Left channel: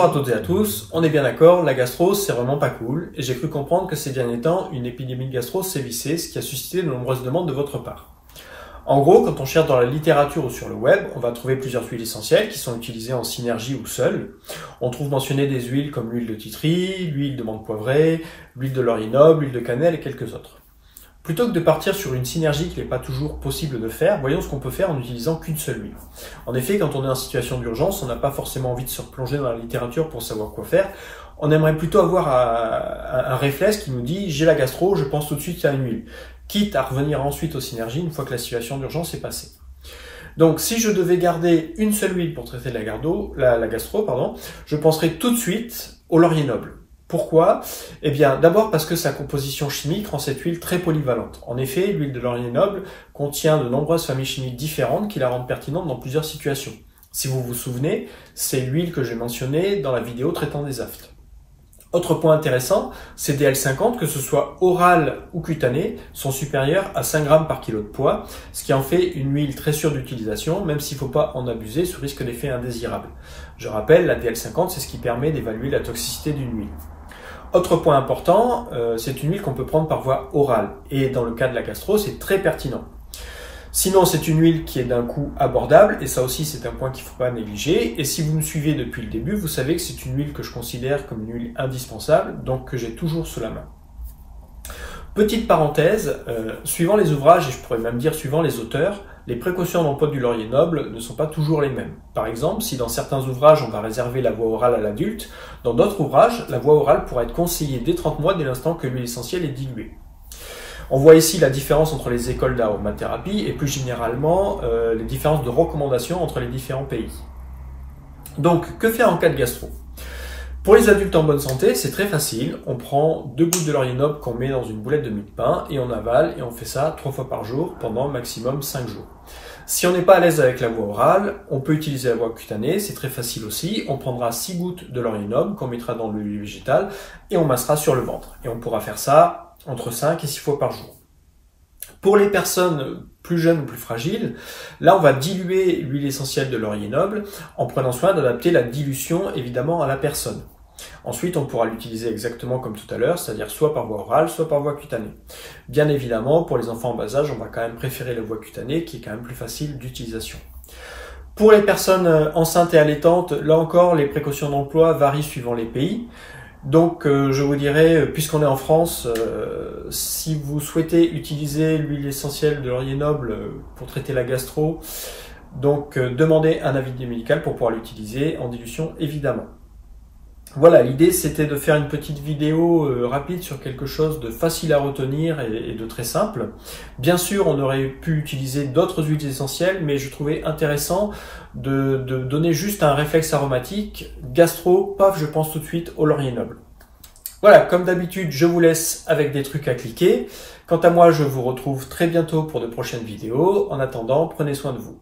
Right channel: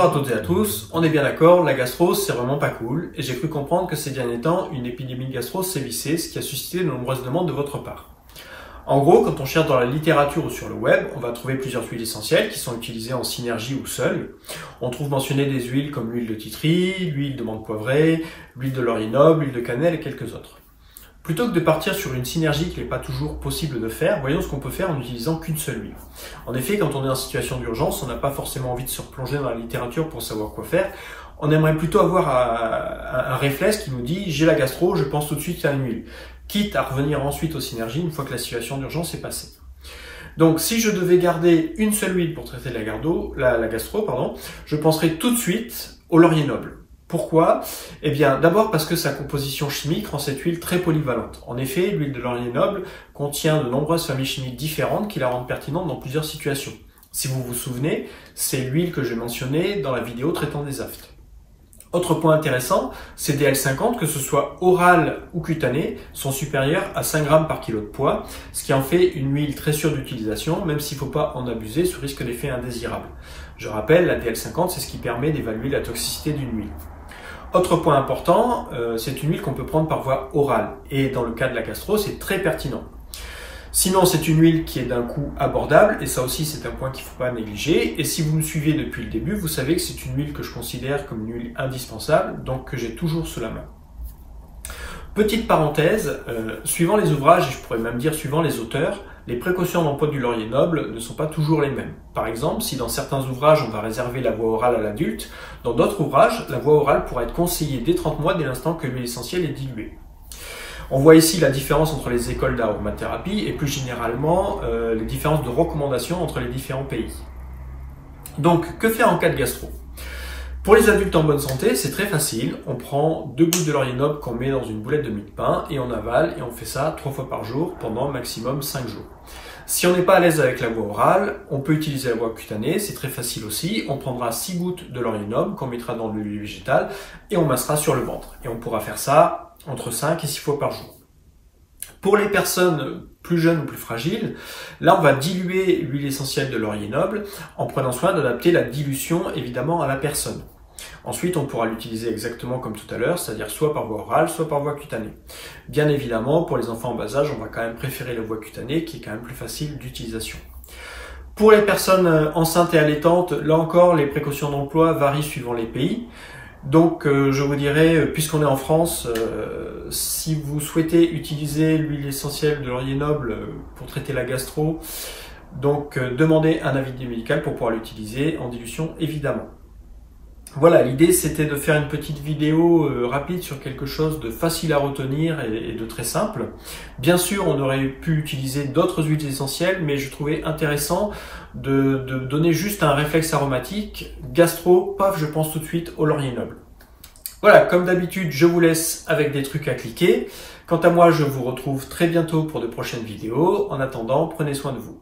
Bonjour à toutes et à tous, on est bien d'accord, la gastro c'est vraiment pas cool et j'ai cru comprendre que ces derniers temps, une épidémie de gastro sévissait, ce qui a suscité de nombreuses demandes de votre part. En gros, quand on cherche dans la littérature ou sur le web, on va trouver plusieurs huiles essentielles qui sont utilisées en synergie ou seules. On trouve mentionnées des huiles comme l'huile de titri, l'huile de menthe poivrée, l'huile de laurier noble, l'huile de cannelle et quelques autres. Plutôt que de partir sur une synergie qui n'est pas toujours possible de faire, voyons ce qu'on peut faire en n'utilisant qu'une seule huile. En effet, quand on est en situation d'urgence, on n'a pas forcément envie de se replonger dans la littérature pour savoir quoi faire. On aimerait plutôt avoir un réflexe qui nous dit « j'ai la gastro, je pense tout de suite à une huile », quitte à revenir ensuite aux synergies une fois que la situation d'urgence est passée. Donc si je devais garder une seule huile pour traiter la gastro, je penserais tout de suite au laurier noble. Pourquoi? Eh bien, d'abord parce que sa composition chimique rend cette huile très polyvalente. En effet, l'huile de laurier noble contient de nombreuses familles chimiques différentes qui la rendent pertinente dans plusieurs situations. Si vous vous souvenez, c'est l'huile que j'ai mentionnée dans la vidéo traitant des aftes. Autre point intéressant, ces DL50, que ce soit oral ou cutané, sont supérieurs à 5 grammes par kilo de poids, ce qui en fait une huile très sûre d'utilisation, même s'il ne faut pas en abuser sous risque d'effet indésirable. Je rappelle, la DL50, c'est ce qui permet d'évaluer la toxicité d'une huile. Autre point important, c'est une huile qu'on peut prendre par voie orale, et dans le cas de la gastro, c'est très pertinent. Sinon, c'est une huile qui est d'un coût abordable, et ça aussi c'est un point qu'il ne faut pas négliger. Et si vous me suivez depuis le début, vous savez que c'est une huile que je considère comme une huile indispensable, donc que j'ai toujours sous la main. Petite parenthèse, suivant les ouvrages, et je pourrais même dire suivant les auteurs, les précautions d'emploi du laurier noble ne sont pas toujours les mêmes. Par exemple, si dans certains ouvrages on va réserver la voie orale à l'adulte, dans d'autres ouvrages, la voie orale pourra être conseillée dès 30 mois dès l'instant que l'huile essentielle est diluée. On voit ici la différence entre les écoles d'aromathérapie et plus généralement les différences de recommandations entre les différents pays. Donc, que faire en cas de gastro? Pour les adultes en bonne santé, c'est très facile. On prend 2 gouttes de laurier noble qu'on met dans une boulette de mie de pain et on avale et on fait ça 3 fois par jour pendant maximum 5 jours. Si on n'est pas à l'aise avec la voie orale, on peut utiliser la voie cutanée, c'est très facile aussi. On prendra 6 gouttes de laurier noble qu'on mettra dans l'huile végétale et on massera sur le ventre. Et on pourra faire ça entre 5 et 6 fois par jour. Pour les personnes plus jeunes ou plus fragiles, là on va diluer l'huile essentielle de laurier noble en prenant soin d'adapter la dilution évidemment à la personne. Ensuite on pourra l'utiliser exactement comme tout à l'heure, c'est-à-dire soit par voie orale, soit par voie cutanée. Bien évidemment, pour les enfants en bas âge, on va quand même préférer la voie cutanée qui est quand même plus facile d'utilisation. Pour les personnes enceintes et allaitantes, là encore les précautions d'emploi varient suivant les pays. Donc je vous dirais, puisqu'on est en France, si vous souhaitez utiliser l'huile essentielle de laurier noble pour traiter la gastro, donc demandez un avis médical pour pouvoir l'utiliser en dilution évidemment. Voilà, l'idée c'était de faire une petite vidéo rapide sur quelque chose de facile à retenir et de très simple. Bien sûr, on aurait pu utiliser d'autres huiles essentielles, mais je trouvais intéressant de donner juste un réflexe aromatique. Gastro, paf, je pense tout de suite au laurier noble. Voilà, comme d'habitude, je vous laisse avec des trucs à cliquer. Quant à moi, je vous retrouve très bientôt pour de prochaines vidéos. En attendant, prenez soin de vous.